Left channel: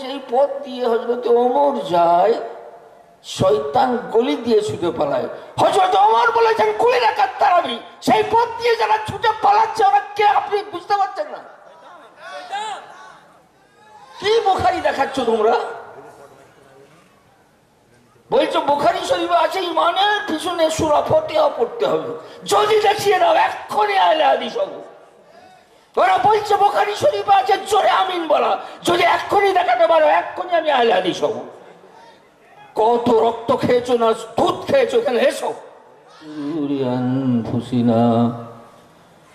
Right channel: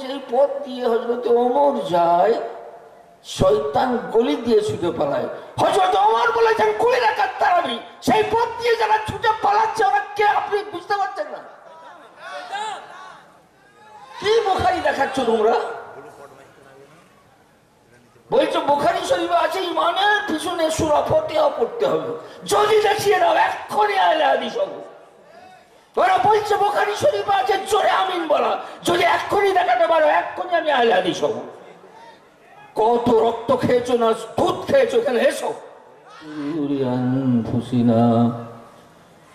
যে পথ দিয়ে হযরত ওমর যায়, শয়তান গলি দিয়ে ছুটে পালায়। হযরত ওমর বলেছেন 20 রাকাত তারাবি, সেই পথ দিয়ে যারা ছুটে পালাচ্ছে ওরা কে আপনি বুঝতে পারছেন না? কি বুখারী দেখাচ্ছ তোমরা? বলছো বুখারী শরীফে আছে ইমানের পিছনে সূরা ফাতিহা পড়তে হবে। যদি দেখিয়ে দাও এক্ষুনি আহলে হাদিস হবো। ওরা বলছে বুখারী শরীফে আছে জোরে আমিন বলা, যদি এক্ষুনি দেখাতে পারো এক্ষুনি আমি আহলে হাদিস হবো। কত রক্ত খেয়েছো না দুধ খেয়েছো, এখানে এসো। আনফুসিনা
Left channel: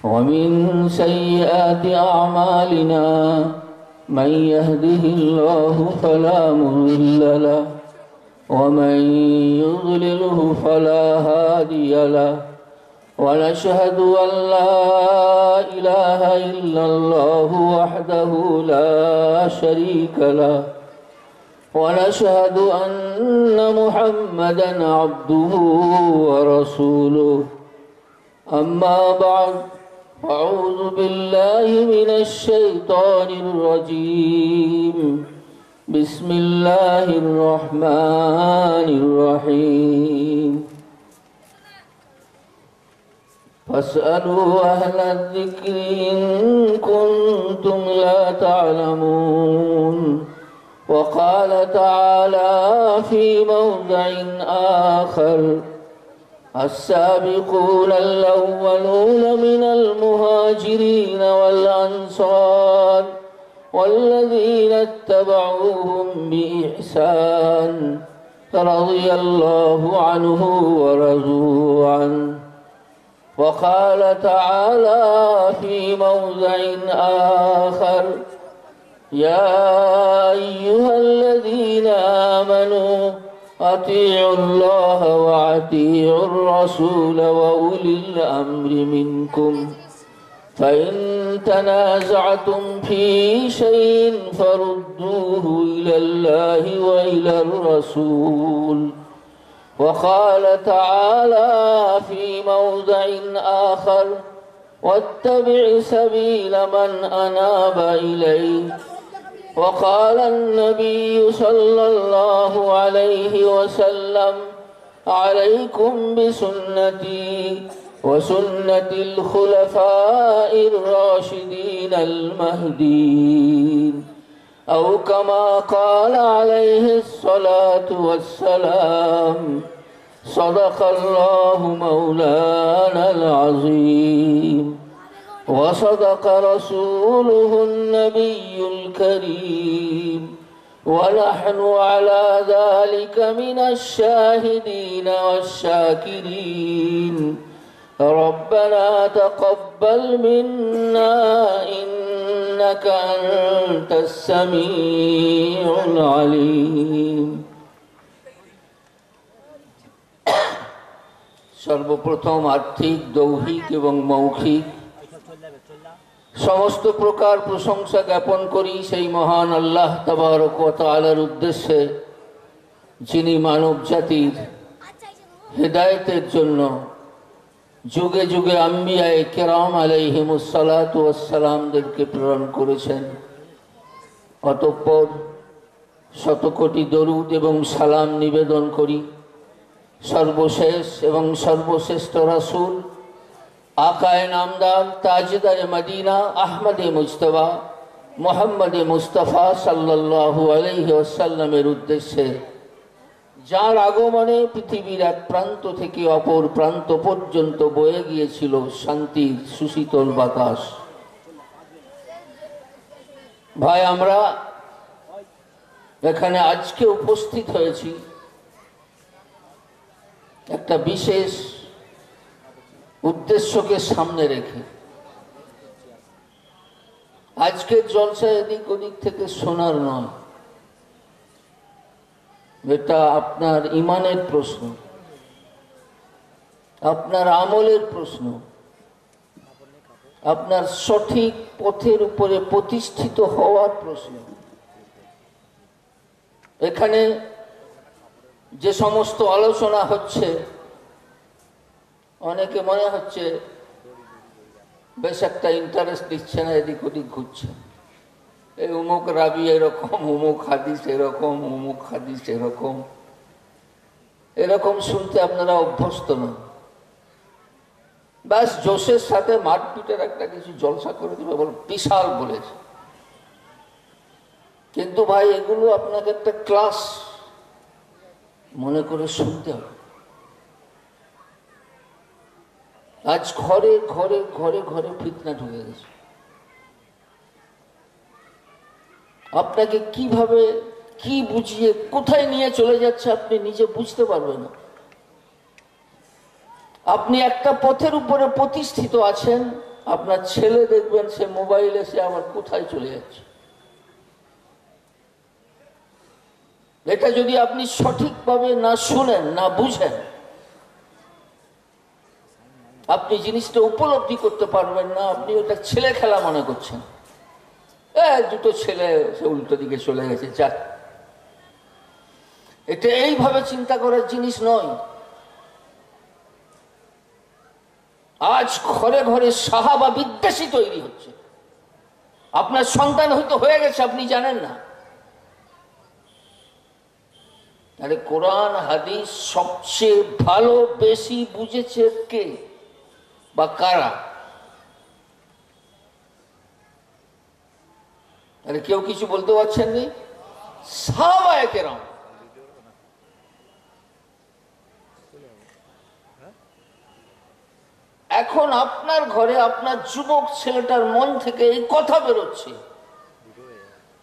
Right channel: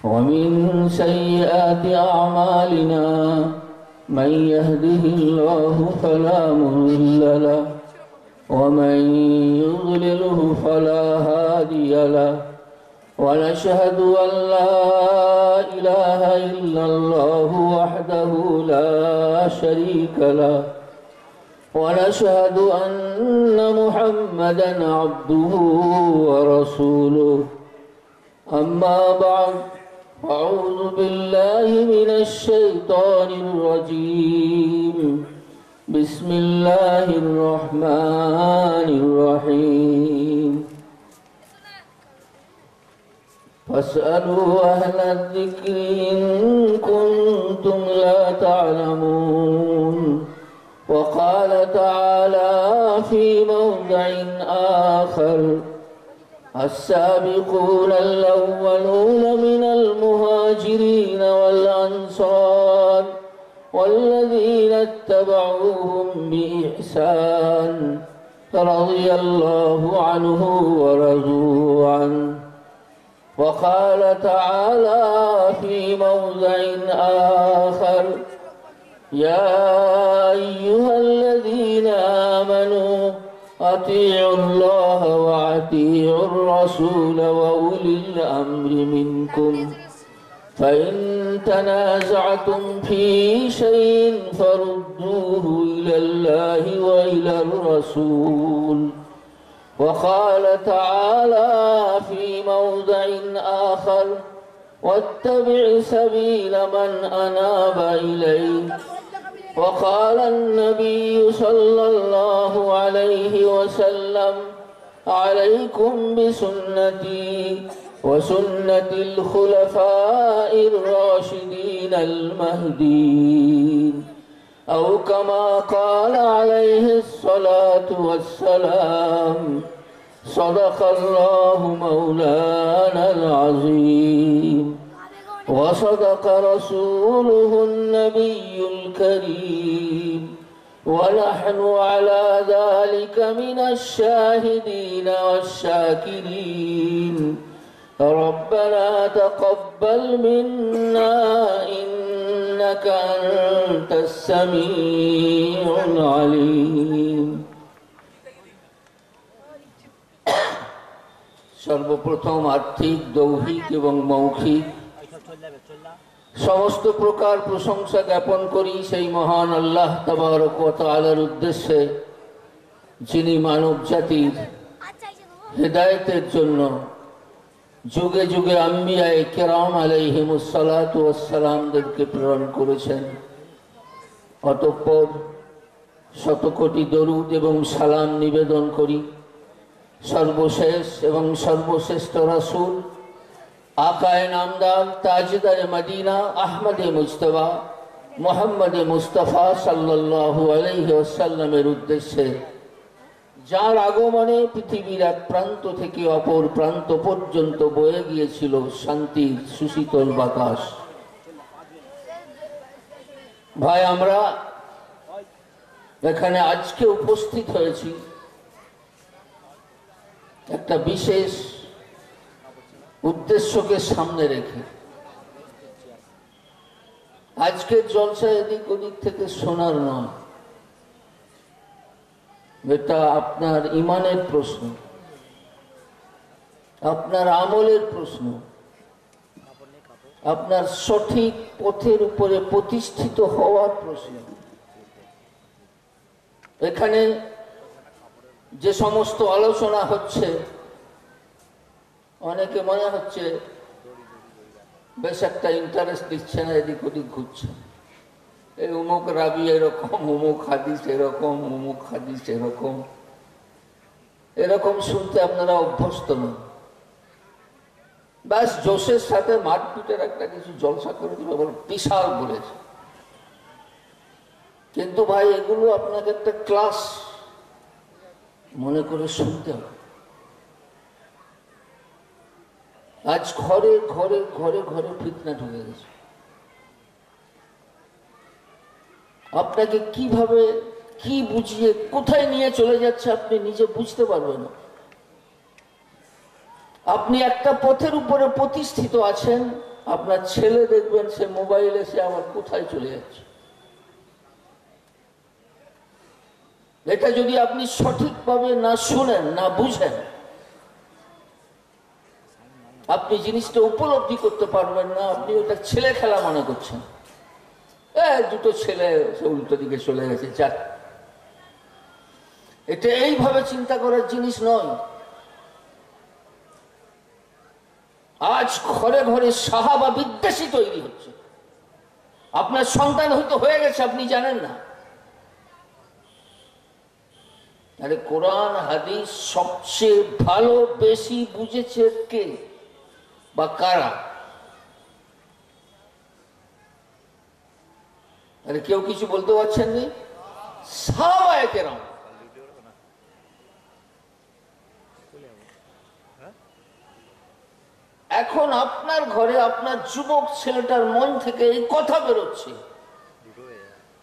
ওয়া মিন সাইয়্যাতি আমালিনা মান ইয়াহদিহিল্লাহু ফালা মুদিল্লা লাহু ওয়া মান ইউদ্লিলহু ফালা হাদিয়া লাহু ওয়া নাশহাদু আন লা ইলাহা ইল্লাল্লাহু ওয়াহদাহু লা শারীকা লাহু ونشهد أن محمدا عبده ورسوله أما بعد أعوذ بالله من الشيطان الرجيم بسم الله الرحمن الرحيم فاسألوا أهل الذكر إن كنتم لا تعلمون وقال تعالى في موضع آخر السابقون الأولون من المهاجرين والأنصار والذين اتبعوهم بإحسان رضي الله عنه ورضوا عنه وقال تعالى في موضع آخر يا أيها الذين آمنوا أطيعوا الله وأطيعوا الرسول وأولي الأمر منكم فإن تنازعتم في شيء فردوه إلى الله وإلى الرسول وقال تعالى في موضع آخر واتبع سبيل من أناب إليه وقال النبي صلى الله عليه وسلم عليكم بسنتي وسنة الخلفاء الراشدين المهديين أو كما قال عليه الصلاة والسلام صدق الله مولانا العظيم وصدق رسوله النبي الكريم ونحن على ذلك من الشاهدين والشاكرين ربنا تقبل منا إنك أنت السميع العليم সর্বপ্রথম আর্থিক দৈহিক এবং মৌখিক সমস্ত প্রকার প্রশংসা জ্ঞাপন করি সেই মহান আল্লাহ তাবারক ওয়া তাআলার উদ্দেশ্যে, যিনি মানব জাতির হেদায়েতের জন্য যুগে যুগে আম্বিয়ায়ে কেরাম আলাইহিমুস সালাতু ওয়াস সালামদেরকে প্রেরণ করেছেন। অতঃপর শতকোটি দরুদ এবং সালাম নিবেদন করি সর্বশেষ এবং সর্বশ্রেষ্ঠ রাসূল আকায়ে নামদার তাজদারে মদিনা আহমদে মুজতবা মুহাম্মদে মুস্তাফা সাল্লাল্লাহু আলাইহি ওয়াসাল্লামের উদ্দেশ্যে, যার আগমনে পৃথিবীর এক প্রান্ত থেকে অপর প্রান্ত পর্যন্ত বয়ে গিয়েছিল শান্তির সুশীতল বাতাস। ভাই, আমরা এখানে আজকে উপস্থিত হয়েছি একটা বিশেষ উদ্দেশ্যকে সামনে রেখে। আজকের জলসা এদিক ওদিক থেকে শোনার নয়, এটা আপনার ইমানের প্রশ্ন, আপনার আমলের প্রশ্ন, আপনার সঠিক পথের উপরে প্রতিষ্ঠিত হওয়ার প্রশ্ন। এখানে যে সমস্ত আলোচনা হচ্ছে, অনেকে মনে হচ্ছে বেশ একটা ইন্টারেস্ট দিচ্ছে না, এদিক ওদিক ঘুরছে। এই অমুক রাবি এরকম, অমুক হাদিস এরকম, অমুক হাদিস এরকম, এরকম শুনতে আপনারা অভ্যস্ত না। ব্যাস জোশের সাথে মারপিটের একটা কিছু জলসা করে দিবে, বিশাল বলেছে। কিন্তু ভাই এগুলো আপনাকে একটা ক্লাস মনে করে শুনতে হবে। আজ ঘরে ঘরে ঘরে ঘরে ফিতনা ঢুকে গেছে। আপনাকে কিভাবে কি বুঝিয়ে কোথায় নিয়ে চলে যাচ্ছে আপনি নিজে বুঝতে পারবেন না। আপনি একটা পথের উপরে প্রতিষ্ঠিত আছেন, আপনার ছেলে দেখবেন সে মোবাইলে সে আবার কোথায় চলে যাচ্ছে। এটা যদি আপনি সঠিকভাবে না শুনেন, না বুঝেন, আপনি জিনিসটা উপলব্ধি করতে পারবেন না। আপনি ওটা ছেলে খেলা মনে করছেন। দুটো ছেলে সে উল্টো দিকে চলে গেছে, যাক। এটা এইভাবে চিন্তা করার জিনিস নয়। আজ ঘরে ঘরে সাহাবা বিদ্বেষী তৈরি হচ্ছে। আপনার সন্তান হয়তো হয়ে গেছে, আপনি জানেন না। আরে কোরআন হাদিস সবচেয়ে ভালো বেশি বুঝেছে কে বা কারা? আরে কেউ কিছু বলতে পারছেন না? সাহাবায়ে কেরাম। এখন আপনার ঘরে আপনার যুবক ছেলেটার মন থেকে এই কথা বেরোচ্ছে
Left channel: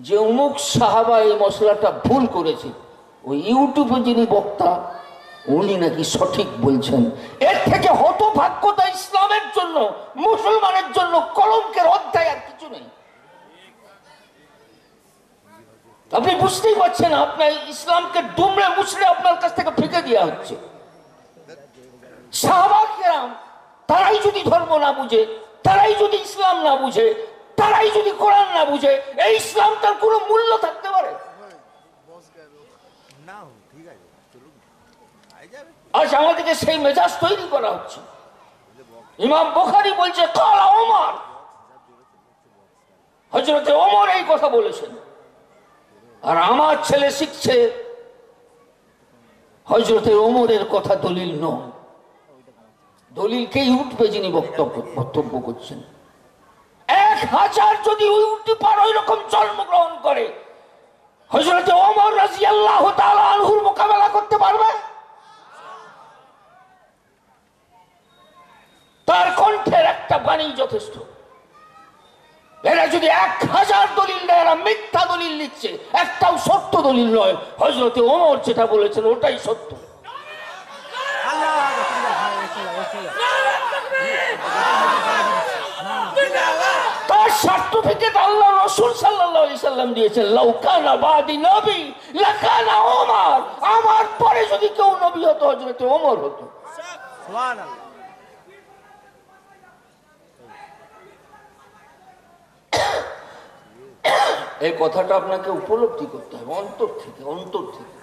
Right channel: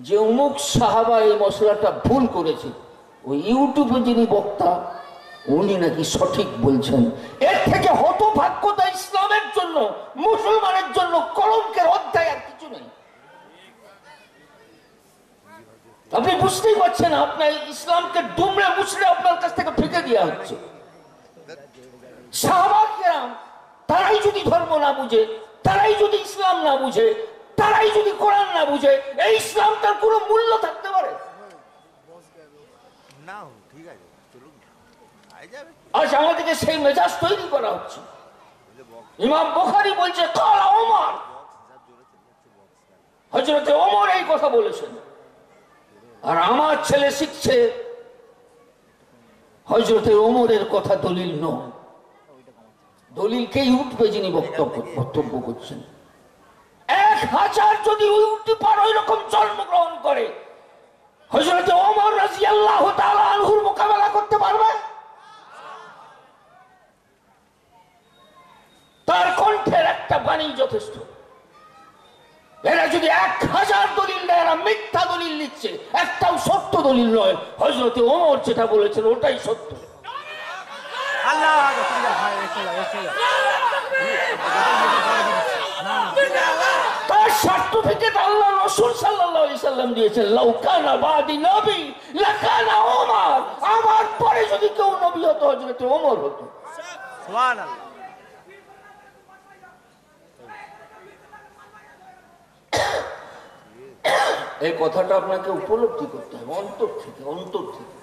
যে অমুক সাহাবা এই মশলাটা ভুল করেছে, ওই ইউটিউবে যিনি বক্তা উনি নাকি সঠিক বলছেন। এর থেকে হতভাগ্যতা ইসলামের জন্য, মুসলমানের জন্য কলঙ্কের অধ্যায় আর কিছু নেই। আপনি বুঝতেই পারছেন, আপনার ইসলামকে দুমড়ে মুচড়ে আপনার কাছ থেকে ফেঁকে দেওয়া হচ্ছে। সাহাবা কেরাম তারাই যদি ধর্ম না বুঝে, তারাই যদি ইসলাম না বুঝে, তারাই যদি কোরআন না বুঝে, এই ইসলামটার কোনো মূল্য থাকতে পারে? আজ আমাদেরকে সেই মেজাজ তৈরি করা হচ্ছে। ইমাম বুখারী বলছে কালা ওমর, হযরত ওমর এই কথা বলেছেন। আর আমার ছেলে শিখছে হযরত ওমরের কথা দলিল নয়। দলিলকে ইউটিউবে যিনি বক্তব্য করছেন, 1000 যদি উল্টি পার ওই রকম জন্মগ্রহণ করে, হযরত ওমর রাদিয়াল্লাহু তাআলা আনহুর মোকাবেলা করতে পারবে? তার কণ্ঠের একটা বাণী যথেষ্ট। এরা যদি 1000 দলিল দেয়, এরা মিথ্যা দলিল নিচ্ছে, একটাও সত্য দলিল নয়। হযরত ওমর যেটা বলেছেন ওটাই সত্য। তার সার্টিফিকেট আল্লাহ রাসূল সাল্লাল্লাহু আলাইহি সাল্লাম দিয়েছেন, লাউ কানা বাদি নবী লাকানা ওমর। আমার পরে যদি কেউ নবী হতো হযরত ওমর হতো। সুবহানাল্লাহ। এই কথাটা আপনাকে উপলব্ধি করতে হবে অন্তর থেকে, অন্তর থেকে।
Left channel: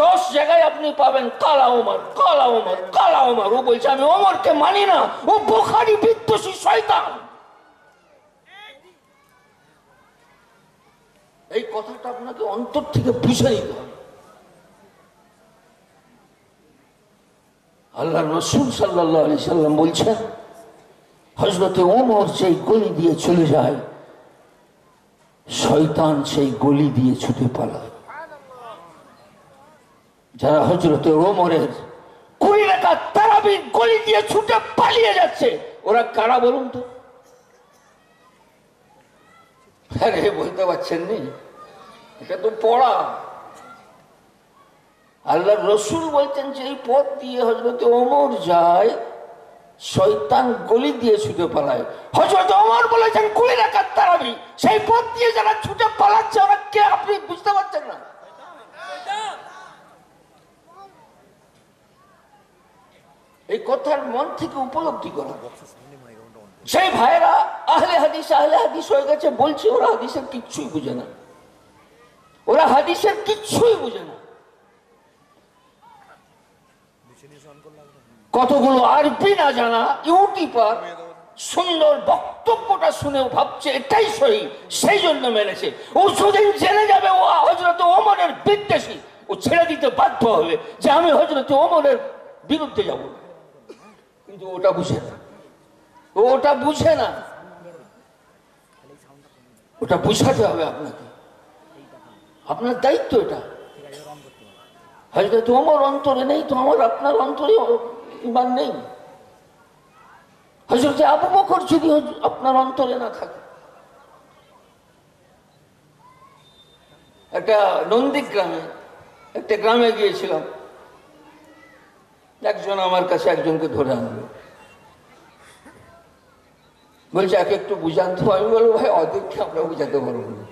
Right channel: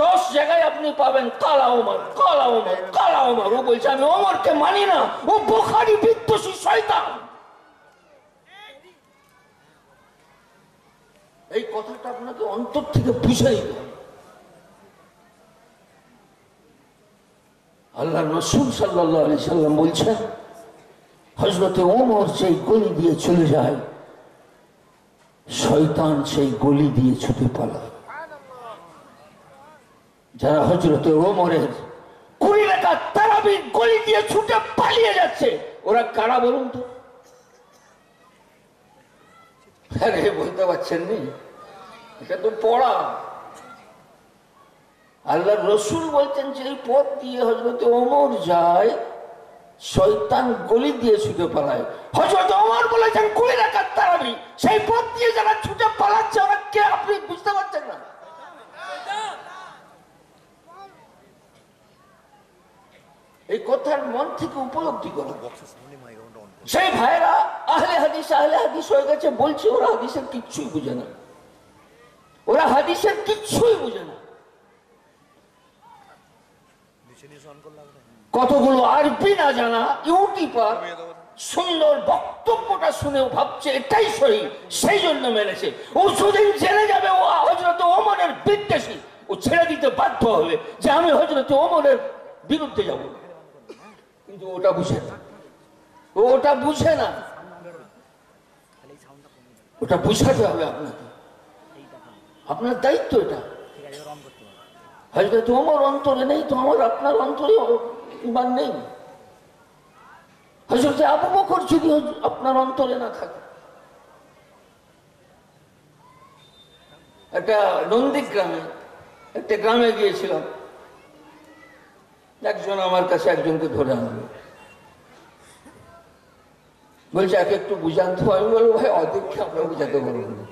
10 জায়গায় আপনি পাবেন কালা ওমর, কালা ওমর, কালা ওমর। ও বলছে আমি ওমরকে মানি না, ও বুখারী বিদ্বেষী শয়তান। এই কথাটা আপনাকে অন্তর থেকে বুঝে নিতে হবে। আল্লাহ রাসূল সাল্লাল্লাহু আলাইহি সাল্লাম বলছেন, হযরত ওমর সেই গলি দিয়ে চলে যায়, শয়তান সেই গলি দিয়ে ছুটে পালায়। যারা হযরত ওমরের 20 রাকাত তারাবির গলি দিয়ে ছুটে পালিয়ে যাচ্ছে, ওরা কারা বলুন তো? আরে বলতে পারছেন নি? এটা তো পড়া। আল্লাহ রসুল বলছেন যে এই পথ দিয়ে হযরত ওমর যায়, শয়তান গলি দিয়ে ছুটে পালায়। হযরত ওমর বলেছেন 20 রাকাত তারাবি, সেই পথ দিয়ে যারা ছুটে পালাচ্ছে ওরা কে আপনি বুঝতে পারছেন না? এই কথার মন থেকে উপলব্ধি করা। সেই ভাইরা আহলে হাদিস হয়ে গেছে, বলছে ওরা হাদিসের কিচ্ছুই বুঝে না, ওরা হাদিসের কিচ্ছুই বুঝে না। কতগুলো আরবি না জানা ইউটিউবার সুন্দর বক্তব্যটা শুনেও ভাবছে এটাই সহি, সেই জন্য মেনেছে। ও সুদিন জেনে যাবে ও হযরত ওমরের বিদ্বেষী, ও ছেড়ে দিতে বাধ্য হবে যে আমি হযরত ওমরের বিরুদ্ধে যাব। কিন্তু ওটা বুঝে না, ওটা বুঝে না। ওটা বুঝাতে হবে আপনাকে, আপনার দায়িত্ব এটা। হযরত ওমর অন্তরে নেই তো আমার আপনার অন্তরে ঈমান নেই। হযরত আবু বকর যদি আপনার অন্তরে না থাকে। একটা নন্দীগ্রামে একটা গ্রামে গিয়েছিলাম, একজন আমার কাছে একজনকে ধরে আনলো, বলছে একে একটু বুঝান তো। আমি বলবো ভাই ওদেরকে আমরা বুঝাতে পারবো না,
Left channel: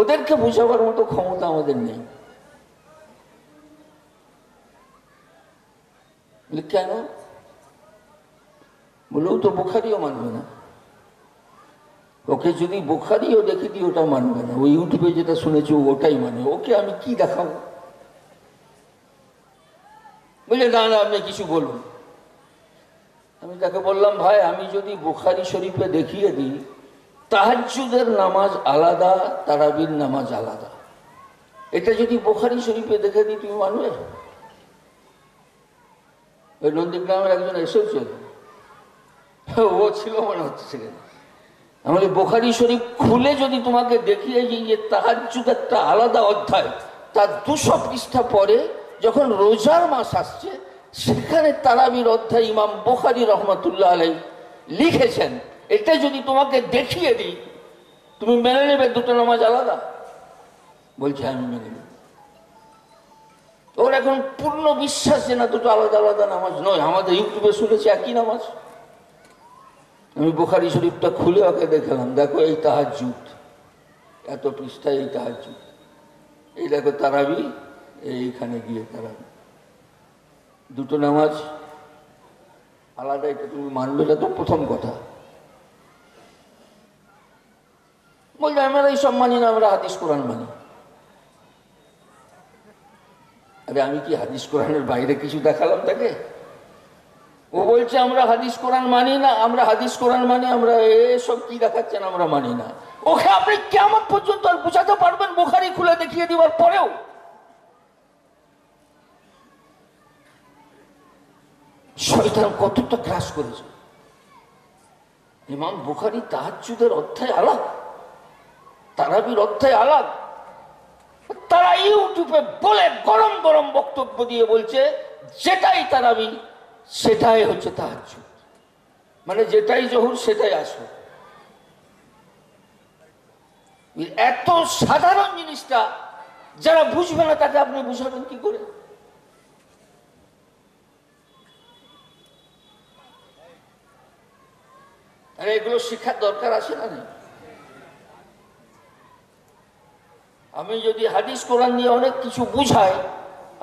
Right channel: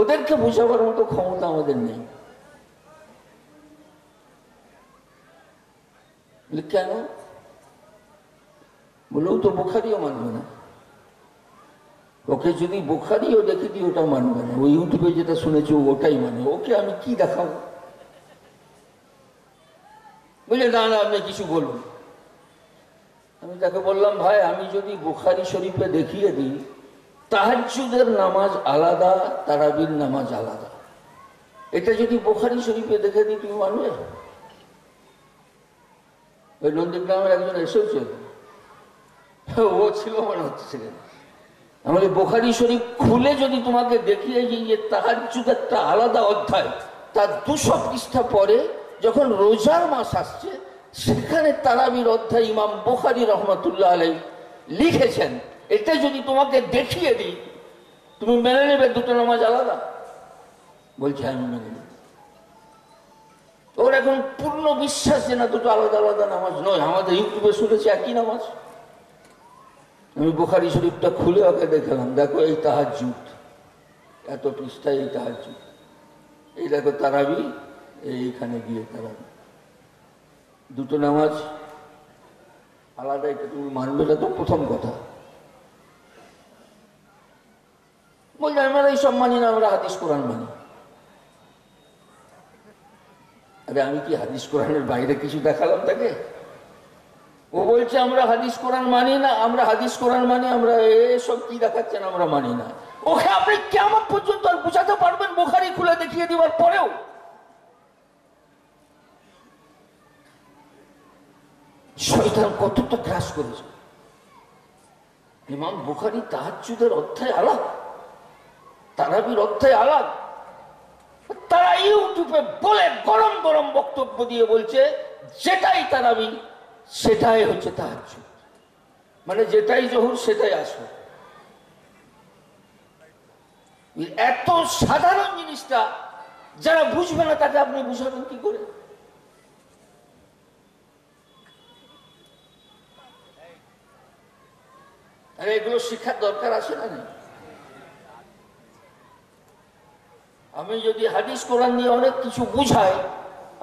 ওদেরকে বুঝাবার মতো ক্ষমতা আমাদের নেই। কেন? বলেও তো বুখারিও মানবে না। ওকে যদি বুখারিও দেখে দিই ওটা মানবে না, ওই ইউটিউবে যেটা শুনেছি ওটাই মানে। ওকে আমি কি দেখাবো? বুঝলে না না আপনি কিছু বলুন। আমি তাকে বললাম ভাই আমি যদি বুখারি শরীফে দেখিয়ে দিই তাহাজ্জুদের নামাজ আলাদা, তারাবির নামাজ আলাদা, এটা যদি বুখারি শরীফে দেখে দিই তুমি মানবে? ওই নন্দীগ্রামের একজন এসেছে, ও ছিল মনে হচ্ছে সেখানে। আমাদের বুখারি শরীফ খুলে যদি তোমাকে দেখিয়ে দিই যে তাহাজ্জুদ একটা আলাদা অধ্যায়, তার 200 পৃষ্ঠা পরে যখন রোজার মাস আসছে সেখানে তারাবির অধ্যায় ইমাম বুখারী রহমাতুল্লাহ আলাইহি লিখেছেন, এটা যদি তোমাকে দেখিয়ে দিই তুমি মেনে নেবে দুটো নামাজ আলাদা? বলছে আমি মেনে নেব। ওর এখন পূর্ণ বিশ্বাস যে না দুটো আলাদা আলাদা নামাজ নয়, আমাদের ইউটিউবে শুনেছি একই নামাজ। আমি বুখারী শরীফটা খুলে ওকে দেখালাম, দেখো এই তাহাজ্জুদ এত পৃষ্ঠায়, এই তাহাজ্জুদ, এই দেখো তারাবি, এইখানে গিয়ে তারাবি, দুটো নামাজ আলাদা, এটা তুমি মানবে না তো প্রথম কথা। বলছে আমরা এইসব মানি না, আমরা হাদিস কোরআন মানি। আরে আমি কি হাদিস কোরআনের বাইরে কিছু দেখালাম তাকে? ও বলছে আমরা হাদিস কোরআন মানি না, আমরা হাদিস কোরআন মানি, আমরা এসব কি দেখাচ্ছেন আমরা মানি না। ওকে আপনি কিয়ামত পর্যন্ত আর বুঝাতে পারবেন বুখারী খুলে দেখিয়ে দেওয়ার পরেও? শয়তান কতটা গ্রাস করেছে। ইমাম বুখারী তাহাজ্জুদের অধ্যায় আলাদা, তারাবির অধ্যায় আলাদা। তারা ইউটিউবে বলে গরম গরম বক্তব্য দিয়ে বলছে যেটাই তারাবি সেটাই হচ্ছে তাহাজ্জুদ, মানে যেটাই জহুর সেটাই আসর। এত সাধারণ জিনিসটা যারা বুঝবে না তাকে আপনি বুঝাবেন কি করে? আরে এগুলো শিক্ষার দরকার আছে না? আমি যদি হাদিস কোরআন নিয়ে অনেক কিছু বুঝাই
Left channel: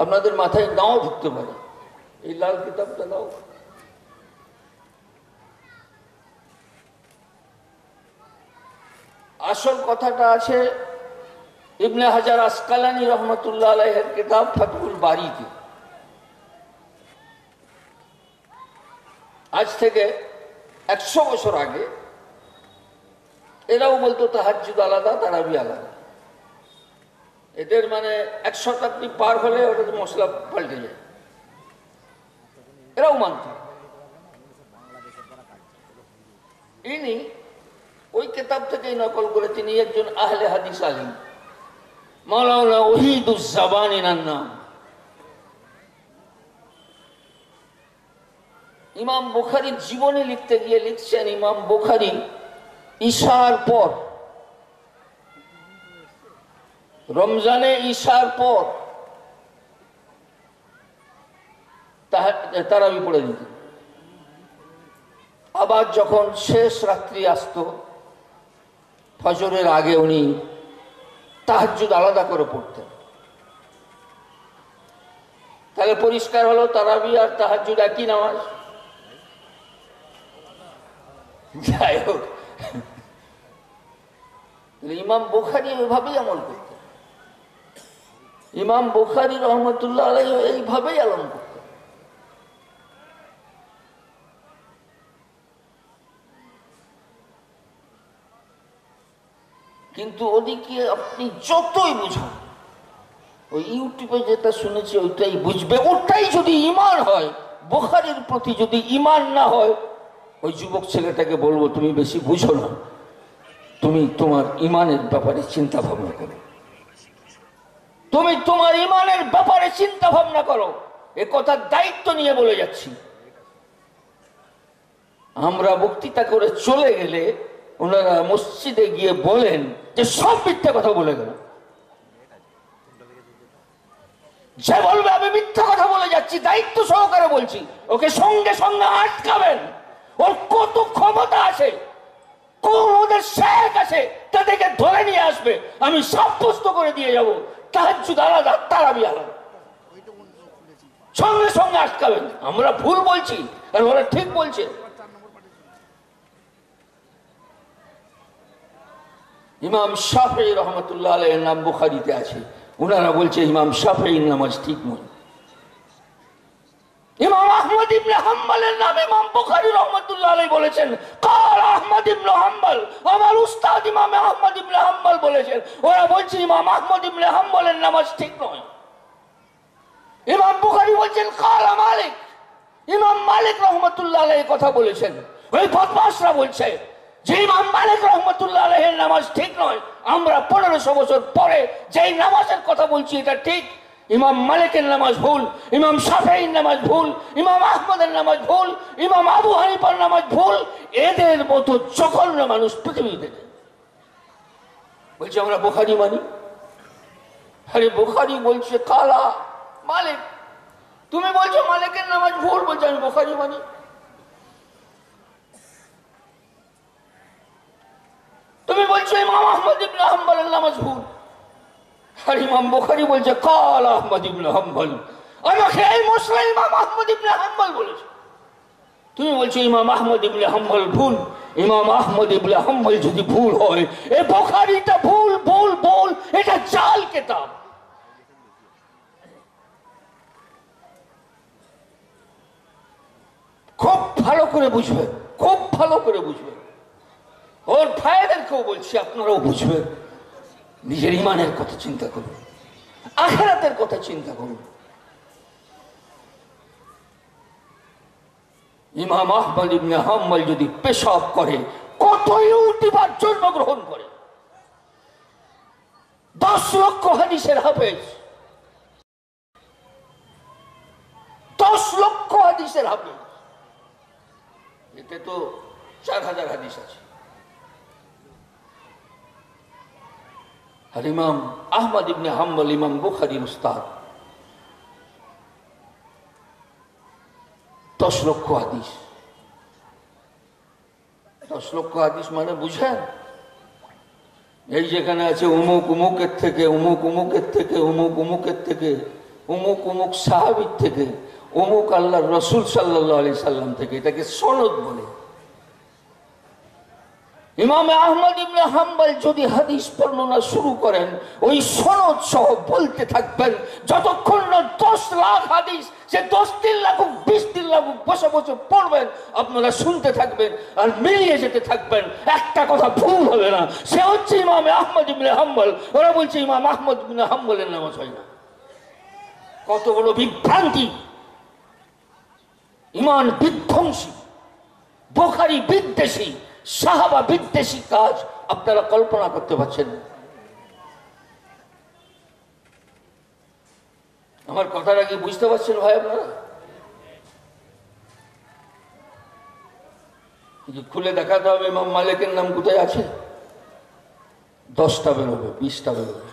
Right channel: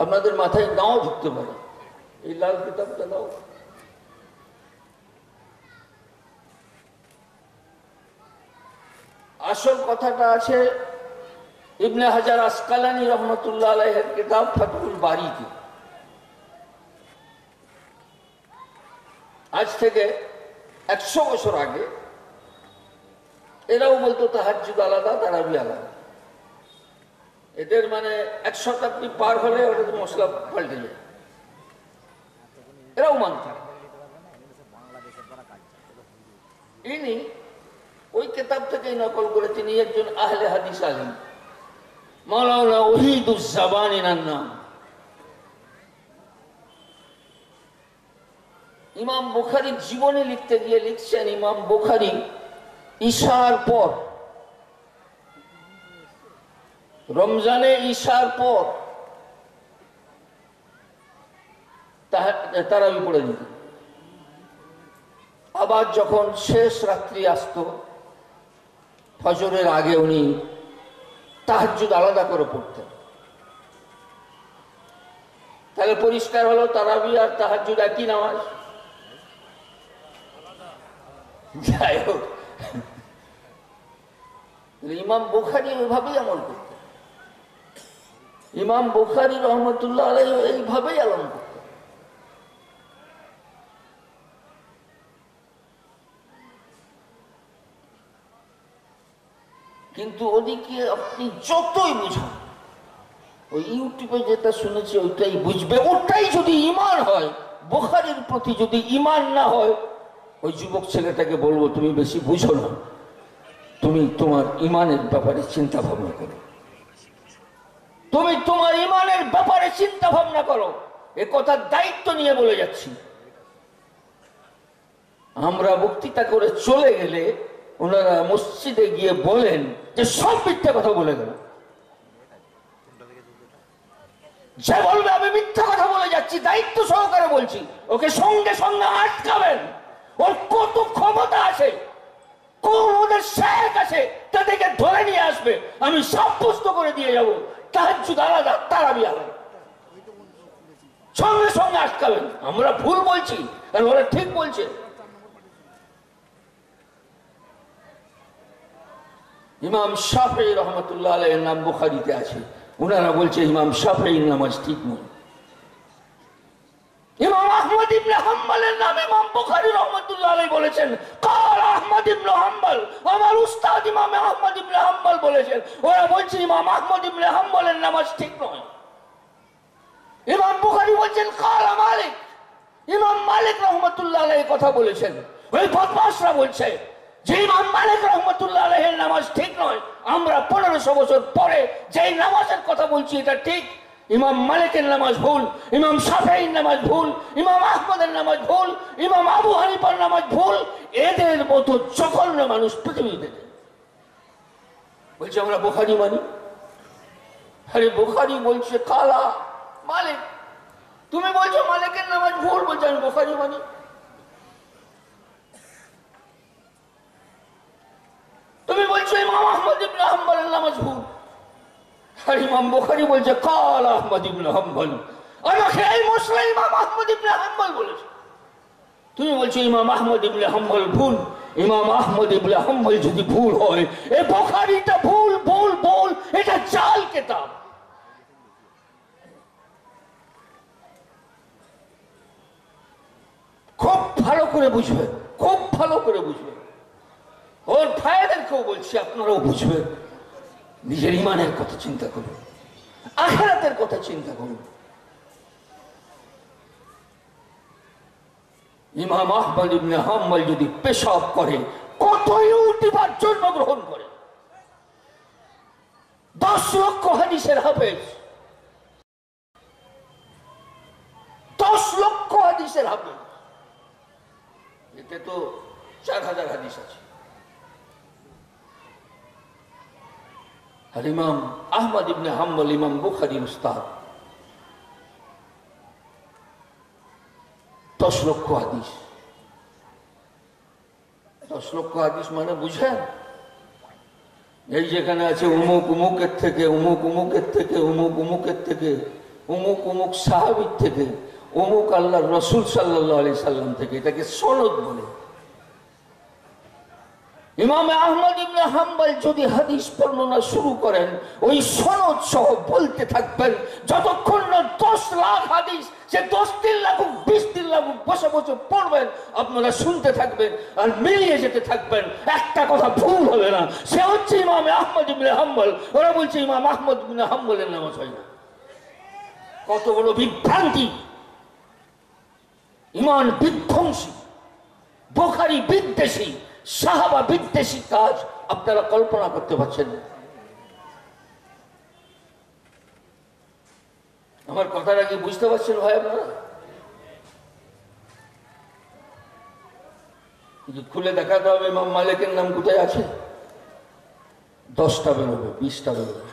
আপনাদের মাথায় নাও ঢুকতে পারে। এই লাল কিতাবটা দাও। আসল কথাটা আছে ইবনে হাজার আসকালানী রহমতুল্লাহ আলাইহির কিতাব ফাতহুল বারীতে। আজ থেকে 100 বছর আগে এরাও বলতো তাহাজ্জুদ আলাদা, তারাবি আলাদা। এদের মানে 1 শতাব্দী পার হলে ওটা মশলা পাল্টে যায়, এরাও মানত। ইনি ওই কিতাব থেকেই নকল করে, তিনি একজন আহলে হাদিস আলিম, মাওলানা ওহীদুজ্জামানী নাম। ইমাম বুখারীর জীবনী লিখতে গিয়ে লিখছেন ইমাম বুখারী ঈশার পর, রমজানে ঈশার পর তারাবি পড়ে দিতেন। আবার যখন শেষ রাত্রি আসতো ফজরের আগে উনি তাহাজ্জুদ আলাদা করে পড়তেন। তাহলে পরিষ্কার হলো তারাবি আর তাহাজ্জুদ একই নামাজ। যাই হোক, ইমাম বুখারী ওইভাবেই আমল করতেন, ইমাম বুখারী রহমতুল্লাহ আলাইহি এইভাবেই আমল করতেন। কিন্তু ওদিকে আপনি যতই বুঝান, ওই ইউটিউবে যেটা শুনেছি ওইটাই বুঝবে। ওটাই যদি ইমান হয়, বুখারীর প্রতি যদি ইমান না হয়, ওই যুবক ছেলেটাকে বলবো তুমি বেশি বুঝো না, তুমি তোমার ইমানের ব্যাপারে চিন্তা ভাবনা করো, তুমি তোমার ইমানের ব্যাপারে চিন্তা ভাবনা করো। এ কথার দায়িত্ব নিয়ে বলে যাচ্ছি। আমরা বক্তৃতা করে চলে গেলে ওনারা মসজিদে গিয়ে বলেন যে সব মিথ্যা কথা বলে গেল। যে বলবে আমি মিথ্যা কথা বলে যাচ্ছি, দায়িত্ব সহকারে বলছি, ওকে সঙ্গে সঙ্গে আটকাবেন। ওর কত ক্ষমতা আছে, কোন ওদের শেখ আছে, তাদেরকে ধরে নিয়ে আসবে, আমি সাব্যস্ত করে দিয়ে যাব তাহাজ্জুদ আলাদা, তারাবি আলাদা। সঙ্গে সঙ্গে আটকাবেন। আমরা ভুল বলছি আর ওরা ঠিক বলছে। ইমাম শাফেঈ রহমতুল্লাহ আলাইহির নাম বুখারীতে আছে। ওনারা বলছে ইমাম শাফেঈর নামাজ ঠিক নয়। ইমাম আহমদ ইবনে হাম্বলের নাম ইমাম বুখারী রহমতুল্লাহ আলাইহি বলেছেন, কাল আহমদ ইবনে হাম্বল, আমার উস্তাদ ইমাম আহমদ ইবনে হাম্বল বলেছেন। ওরা বলছে ইমাম আহমদ ইবনে হাম্বলের নামাজ ঠিক নয়। ইমাম বুখারী বলছেন কাল মালিক, ইমাম মালিক রহমতুল্লাহ আলাইহি কথা বলেছেন। ওই বদমাশরা বলছে যে ইমাম মালিক রহমতুল্লাহ আলাইহির নামাজ ঠিক নয়। আমরা 1500 বছর পরে যেই নামাজের কথা বলছি এটা ঠিক। ইমাম মালিকের নামাজ ভুল, ইমাম শাফেঈর নামাজ ভুল, ইমাম আহমদের নামাজ ভুল, ইমাম আবু হানিফার নামাজ ভুল। এদের মতো জঘন্য মানুষ পৃথিবীতে বলছে আমরা বুখারী মানি। আরে বুখারী বলছে কালা মালিক, তুমি বলছো মালিকের নামাজ ভুল, বলছো আমি বুখারী মানি। তুমি বলছো ইমাম আহমদ ইবনে হাম্বলের নামাজ ভুল, আর ইমাম বুখারী বলছে কাল আহমদ ইবনে হাম্বল। আমাকে এই মশলা ইমাম আহমদ ইবনে হাম্বল বলেছে। তুমি বলছো ইমাম আহমদ ইবনে হাম্বল ভুল। ইমাম আহমদ ইবনে হাম্বল যদি ভুল হয়, এ বুখারীটা ভুল ভুল ভুল, এটা জাল কিতাব। খুব ভালো করে বুঝবে, খুব ভালো করে বুঝবে। ওর ভাইদেরকেও বলছি আপনারাও বুঝবেন। নিজের ইমানের কথা চিন্তা করুন, আখিরাতের কথা চিন্তা করুন। ইমাম আহমদ ইবনে হাম্বল যদি পেশাব করে, কত ইউটিউবার জন্মগ্রহণ করে, 10 লক্ষ হাদিসের হাফেজ, 10 লক্ষ হাদিসের হাফেজ। এতে তো 4000 হাদিস আছে। আর ইমাম আহমদ ইবনে হাম্বল ইমাম বুখারীর উস্তাদ, 10 লক্ষ হাদিস। 10 লক্ষ হাদিস মানে বুঝেন, এই যেখানে আছে উমুক উমুকের থেকে, উমুক উমুকের থেকে, উমুক উমুকের থেকে, উমুক উমুক সাহাবীর থেকে, উমুক আল্লাহর রাসূল সাল্লাল্লাহু আলাইহি সাল্লাম থেকে, এটাকে সনদ বলে। ইমাম আহমদ ইবনে হাম্বল যদি হাদিস বর্ণনা শুরু করেন, ওই সনদ সহ বলতে থাকবেন যতক্ষণ না 10 লাখ হাদিস, সে 10 দিন লাগুক 20 দিন লাগুক বসে বসে পড়বেন, আপনারা শুনতে থাকবেন আর মিলিয়ে যেতে থাকবেন। একটা কথা ভুল হবে না, সে হচ্ছে ইমাম আহমদ ইবনে হাম্বল। ওরা বলছে ইমাম আহমদ ইবনে হাম্বলের নামাজ হয় না। কত বড় বিভ্রান্তি! ইমান বিধ্বংসী, বুখারী বিদ্বেষী, সাহাবা বিদ্বেষী কাজ আপনারা কল্পনা করতে পারছেন। আমার কথাটা কি বুঝতে পারছেন ভাই আপনারা? খুলে দেখাতে হবে ইমাম মালিকের নাম কোথায় আছে। 10টা বেরোবে, 20টা বেরোবে,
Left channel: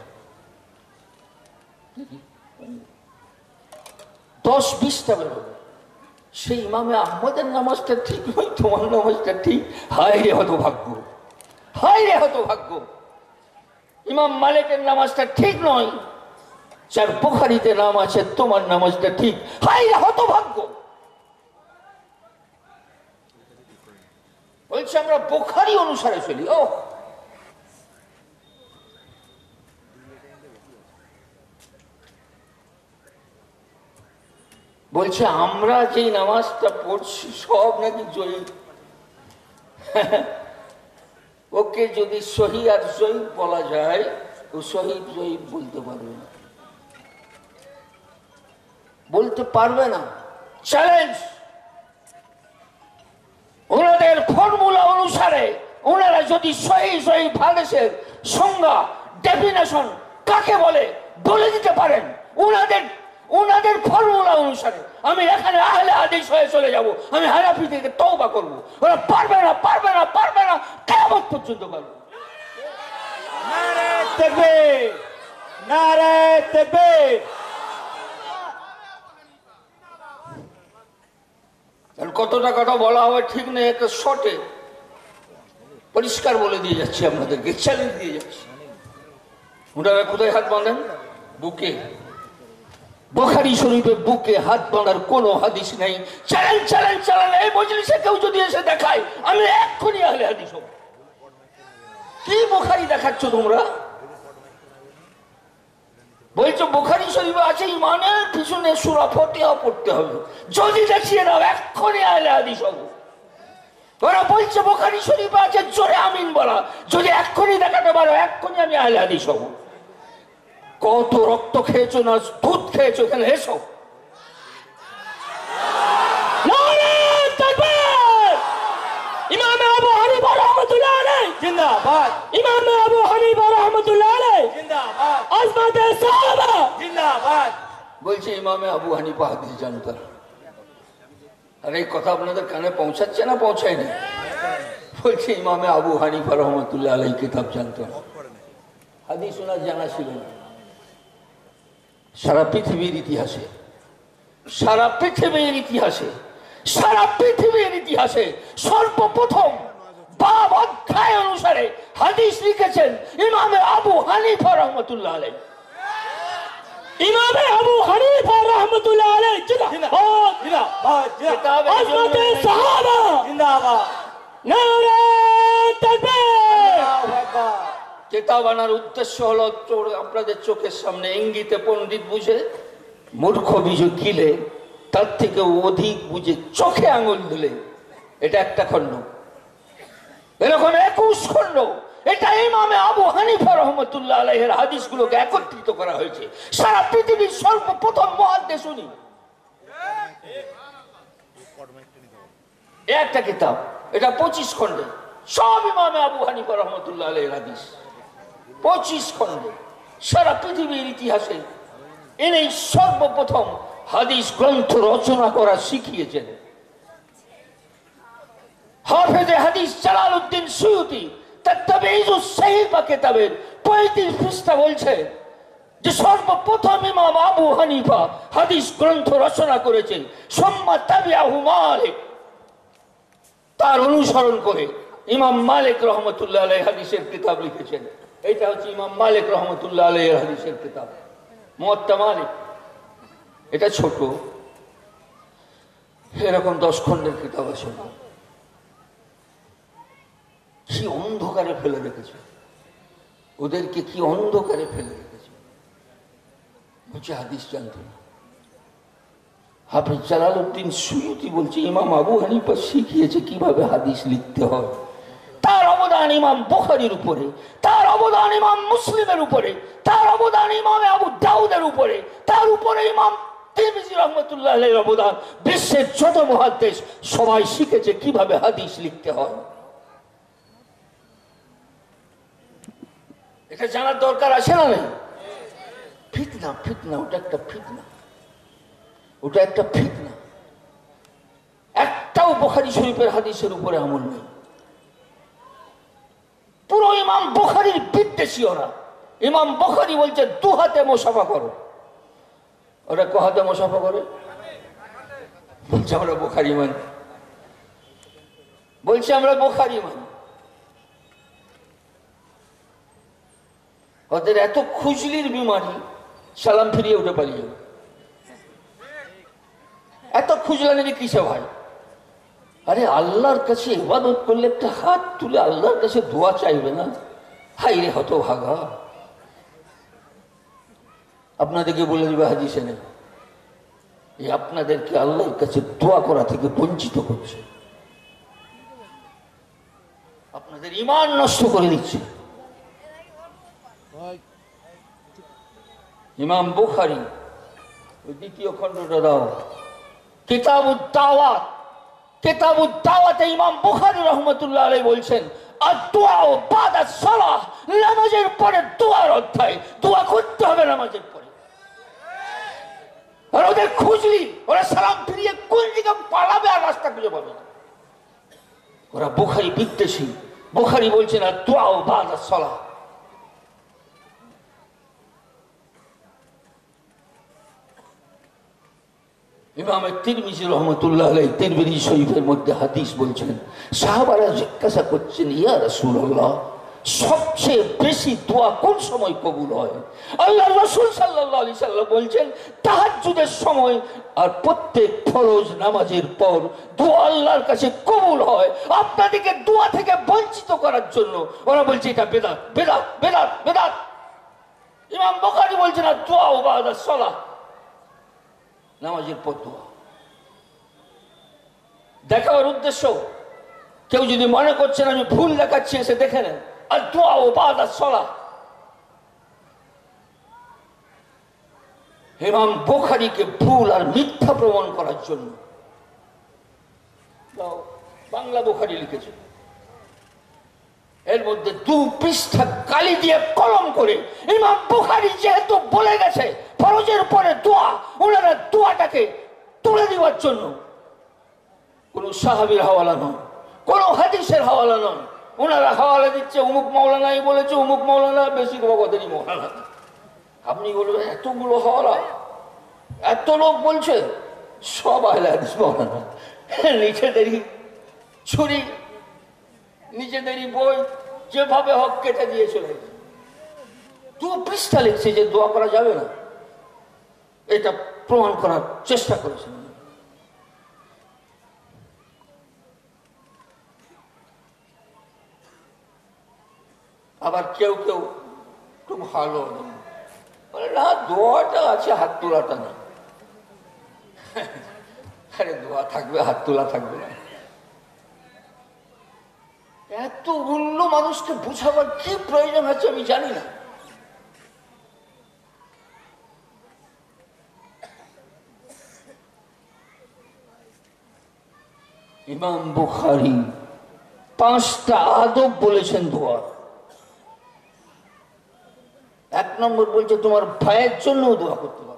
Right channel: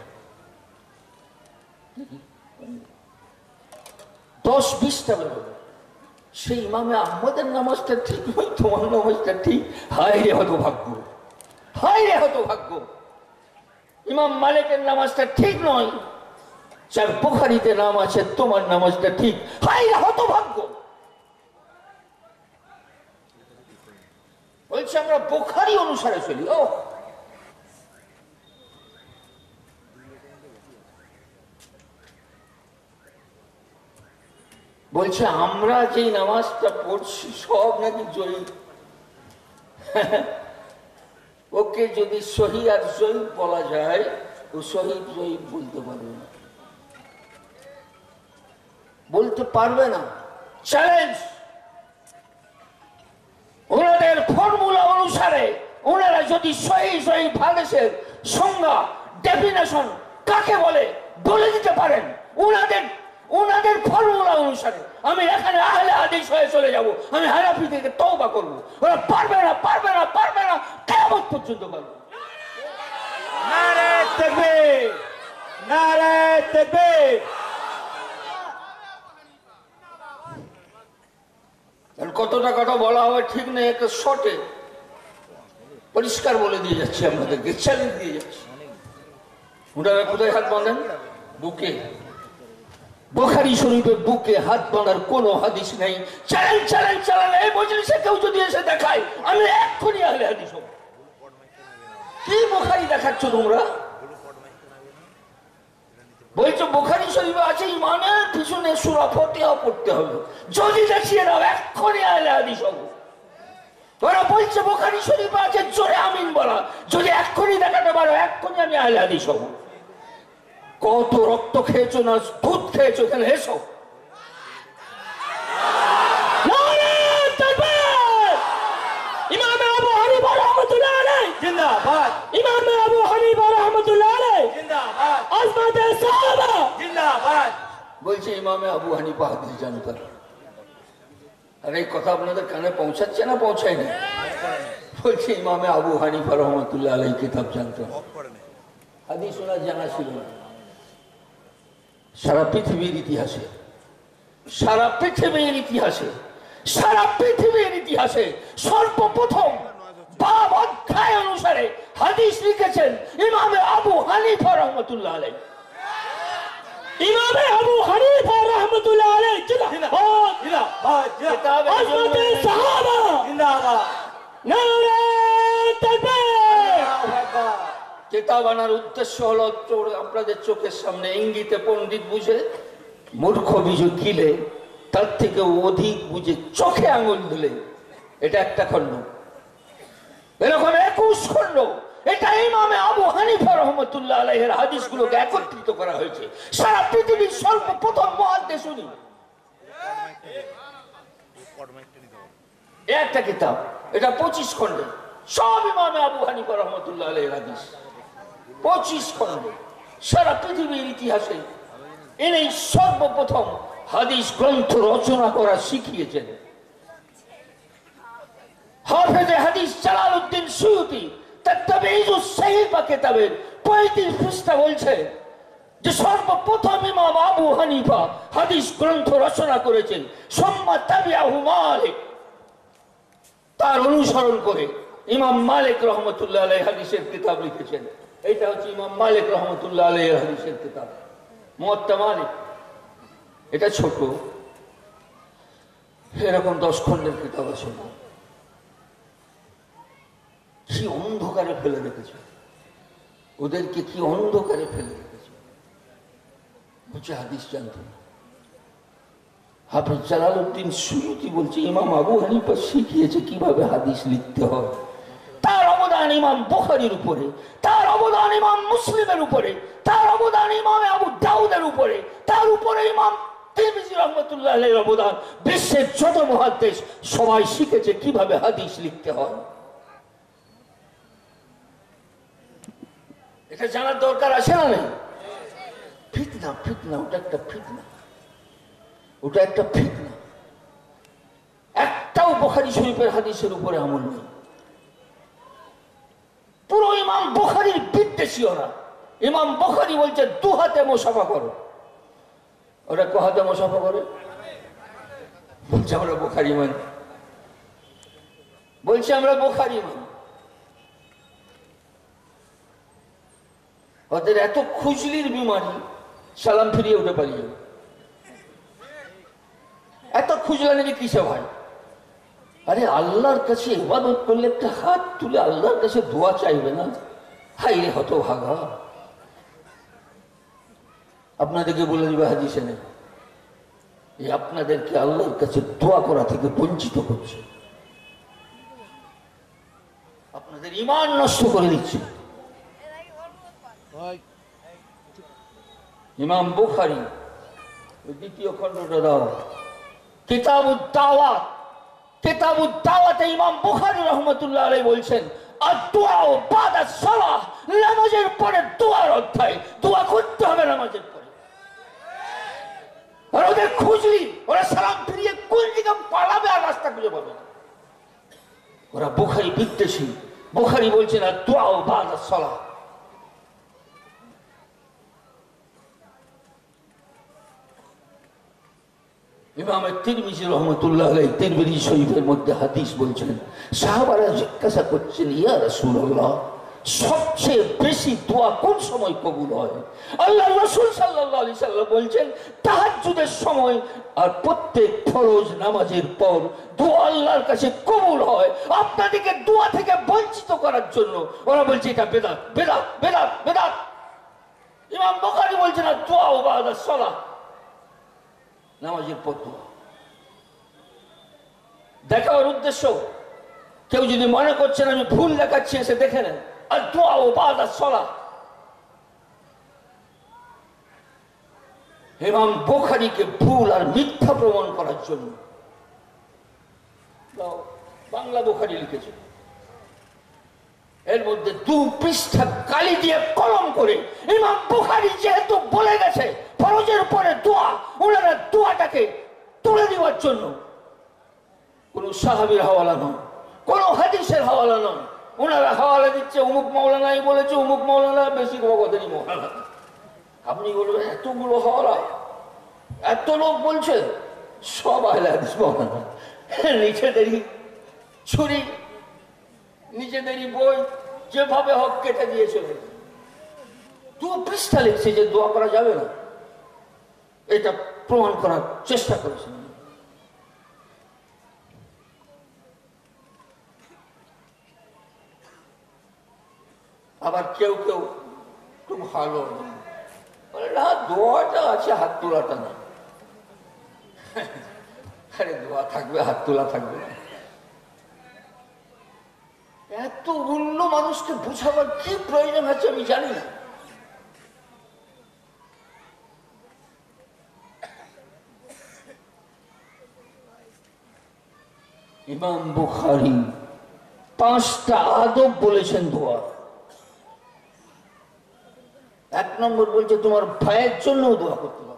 10-20টা বেরোবে। সেই ইমামে আহমদের নামাজটা ঠিক নয়, তোমার নামাজটা ঠিক। হায় রে হতভাগ্য, হায় রে হতভাগ্য। ইমাম মালিকের নামাজটা ঠিক নয়, যার বুখারীতে নাম আছে, তোমার নামাজটা ঠিক। হায় রে হতভাগ্য। বলছে আমরা বুখারী অনুসারে চলি। ও বলছে আমরা যে নামাজটা পড়ছি সব নাকি জয়ী। ও ওকে যদি সহি আর জয়ীফ বলা যায়, ও সহি জয়ীফ বলতে পারবে না, বলতে পারবে না। চ্যালেঞ্জ। ওনাদের ফর্মুলা অনুসারে ওনারা যদি সহি জয়ীফ হাদিসের সংজ্ঞা, ডেফিনেশন কাকে বলে বলে দিতে পারেন, ওনাদের ফর্মুলা অনুসারে আমি এখানে আহলে হাদিস হয়ে চলে যাব, আমি হানাফি থেকে তওবা করব। ওরা পারবে না, পারবে না, পারবে না, কিয়ামত পর্যন্ত পারবে। নারে তাকবীর, নারে তাকবীর। কতটা কথা বলা হবে ঠিক নেই, একটা শর্টে পরিষ্কার বলে দিয়ে যাচ্ছি আপনাদেরকে, চ্যালেঞ্জ দিয়ে যাচ্ছি। ওনারা কোথায় হাত বাঁধেন? বুকে। বুখারী শরীফে বুকে হাত বাঁধার কোনো হাদিস নেই। Challenge, challenge, challenge. এই মজলিসে কেউ যদি এসে দেখায়, আমি এক্ষুনি আহলে হাদিস হব। কি বুখারী দেখাচ্ছ তোমরা? বলছো বুখারী শরীফে আছে ইমানের পিছনে সূরা ফাতিহা পড়তে হবে, যদি দেখিয়ে দাও এক্ষুনি আহলে হাদিস হব। ওরা বলছে বুখারী শরীফে আছে জোরে আমিন বলা, যদি এক্ষুনি দেখাতে পারো এক্ষুনি আমি আহলে হাদিস হব। কত রক্ত খেয়েছো না দুধ খেয়েছো, এখানে এসো। ইমাম আবু হানিফা রাহমাতুল্লাহ আলাইহি জিন্দাবাদ। ইমাম আবু হানিফা রাহমাতুল্লাহ আলাইহি জিন্দাবাদ। আজমাতে সাহাবা জিন্দাবাদ। বলছে ইমামে আবু হানিফা হাদিস জানতেন। আর এই কথা আপনাদের কানে পৌঁছাচ্ছে না পৌঁছায়নি? বলছে ইমামে আবু হানিফা রহমতুল্লাহ আলাইহি কিতাব জানতেন, হাদিস ওনার জানা ছিল না। সারা পৃথিবীর ইতিহাসে, সারা পৃথিবীর ইতিহাসে, সারা পৃথিবীর ইতিহাসে সর্বপ্রথম বাব অধ্যায় অনুসারে হাদিস লিখেছেন ইমামে আবু হানিফা রহমতুল্লাহ আলাইহি। ইমামে আবু হানিফা রাহমাতুল্লাহ আলাইহি জিন্দাবাদ, জিন্দাবাদ। আজমাতে সাহাবা জিন্দাবাদ। নারে তাকবীর, আল্লাহু আকবার। কিতাব আনার উদ্দেশ্য হলো আপনাদের চোখের সামনে ইঙ্গিতে পণ্ডিত বুঝে, মূর্খ বিজু কিলে, তার থেকে অধিক বুঝে চোখে আঙুল দিলে। এটা একটা খণ্ড, এরকম 21 খণ্ড। এটা ইমামে আবু হানিফা রহমতুল্লাহ আলাইহির হাদিসগুলোকে একত্রিত করা হয়েছে। সারা পৃথিবীর সর্বপ্রথম মুহাদ্দিস উনি। একটা কিতাব, এটা 25 খণ্ডে, সব ইমামে আবু হানিফা রহমতুল্লাহ আলাইহির হাদিস। 25 খণ্ডে সারা পৃথিবীর ইতিহাসে ইনি সর্বপ্রথম হাদিস গ্রন্থ রচনা করা শিখিয়েছেন। হাফেজে হাদিস জালালউদ্দিন সুয়ুতী তার তাবঈজুস সাহিফা কিতাবের 35 পৃষ্ঠা বলছে যে সর্বপ্রথম ইমাম আবু হানিফা হাদিস গ্রন্থ রচনা করেছেন। সুম্মা তাবিআহু মালিক, তার অনুসরণ করে ইমাম মালিক রহমতুল্লাহ আলাইহি হাদিসের কিতাব লিখেছেন। এটা হচ্ছে ইমাম মালিক রহমতুল্লাহ আলাইহি হাদিসের কিতাব মুওয়াত্তা মালিক। এটা ছোট, এরকম 10 খণ্ডের কিতাব আছে। কি অন্ধকারে ফেলে রেখেছে ওদেরকে, কি অন্ধকারে ফেলে রেখেছে। বলছে হাদিস জানতো না। হাফেজ জালালউদ্দিন সুয়ুতী বলছে ইমাম আবু হানিফা শিখিয়েছে কিভাবে হাদিস লিখতে হয়। তার অবদান ইমাম বুখারীর উপরে, তার অবদান ইমাম মুসলিমের উপরে, তার অবদান ইমাম আবু দাউদের উপরে, তার উপরে ইমাম তিরমিজি রহমতুল্লাহ আলাইহির অবদান। বিশ্বের যত মুহাদ্দিস সবাই শিখেছে কিভাবে হাদিস লিখতে হয়। এটা জানার দরকার আছে না? নেই? ফিতনা, ফিতনা, ওটা একটা ফিতনা, ওটা একটা ফিতনা। একটাও বুখারী শরীফের হাদিসের উপরে আমল নেই। পুরো ইমাম বুখারীর বিদ্বেষী ওরা। ইমাম বুখারী বলছে 2 হাতে মুসাফা করো, ওরা ক হাতে মুসাফা করে? বলছে আমরা বুখারী মানি, বলছে আমরা বুখারী মানি। ওদের এত খুজলির বিমারি, সালাম ফিরিয়ে উঠে পালিয়ে যাবে। এত খুজলানি কিসে ভাই? আরে আল্লাহর কাছে ইবাদত করলে একটা হাত তুলে আল্লাহর কাছে দোয়া চাইবে না? হাই রে হতভাগা। আপনাদেরকে বলে দিবে হাদিসে নেই, এই আপনাদেরকে আল্লাহর কাছে দোয়া করা থেকে বঞ্চিত করছে। আপনাদের আমাদের ঈমান নষ্ট করে দিচ্ছে। ইমাম বুখারী ওই দ্বিতীয় খণ্ডটা দাও, কিতাবুদ দাওয়াত, কিতাবুদ দাওয়াতে ইমাম বুখারী রাহমাতুল্লাহ আলাইহি বলছেন আদ-দুআ বাদা সালাহ, নামাজের পরে দোয়ার অধ্যায়। দোয়া করতে হবে নামাজের পরে। আর ওদের খুঁজলি ওরা সালাম ফিরিয়ে কোন দিকে পালাবে আর রাস্তা খুঁজে পাবে না। ওরা বুখারী বিদ্বেষী। বুখারী বলছেন আদ-দুআ বাদা সালাহ। ইমাম তিরমিজি রাহমাতুল্লাহ আলাইহি তিরমিজি শরীফের মধ্যে হাদিস বলছেন, সাহাবারা জিজ্ঞাসা করছেন, ইয়া রাসূলুল্লাহ, সবচেয়ে বেশি দোয়া কোন সময় কবুল হয়? আল্লাহর রাসূল সাল্লাল্লাহু আলাইহি সাল্লাম বলছেন তাহাজ্জুদের সময় আর প্রত্যেক ফরজ নামাজের পর দোয়া আল্লাহর কাছে কবুল হয়। আপনাদেরকে দোয়া থেকে বঞ্চিত করার জন্য ওরা বলছে এটা বেদাত, বেদাত, বেদাত, বেদাত। ইমাম বুখারী বলছেন দোয়া বাদা সালাহ, নামাজের পর দোয়া। দেখাবার উদ্দেশ্য, কেউ যদি মনে করছেন আমি ভুল দেখাচ্ছি এসে দেখে নেন। আর দোয়া ও বাদা সালাহ ইমাম বুখারীকে ভুল আর মিথ্যা প্রমাণ করার জন্য বাংলা বুখারী লিখেছে, এর মধ্যে 2 পৃষ্ঠা কালি দিয়ে কলম করে ইমাম বুখারী যেহেতু বলে গেছে ফরজের পরে দোয়া, ওনারা দোয়াটাকে তুলে দেওয়ার জন্য কোন সাহাবীর হাওয়ালা নয়, কোন হাদিসের হাওয়ালা নয়। ওনারা হাওয়ালা দিচ্ছে অমুক মাওলানাই বলেছে, অমুক মাওলানা, বেশি ওদেরই মাওলানা। আপনি বলবেন এতগুলো হাওয়ালা, এত লোক বলছে, সব আহলে হাদিস মাওলানা। নিজেদেরই ছুরি, নিজেদেরই বই যেভাবে হক কেটে দিয়ে চলে 2 পৃষ্ঠা লিখছে যে দোয়া করা যাবে না, এটা প্রমাণ করার চেষ্টা করেছেন। আবার কেউ কেউ একটু ভালো বলে না, দোয়াটা আছে, হাত তোলাটা না। আরে দোয়া থাকবে, হাত তোলা থাকবে না। এত অন্য মানুষকে বুঝাবার কি প্রয়োজন আছে আমি জানি না। ইমাম বুখারী 5টা আদব বলেছেন দোয়া। 1 নম্বর বলছে তোমার ভাইয়ের জন্য দোয়া করতে হবে।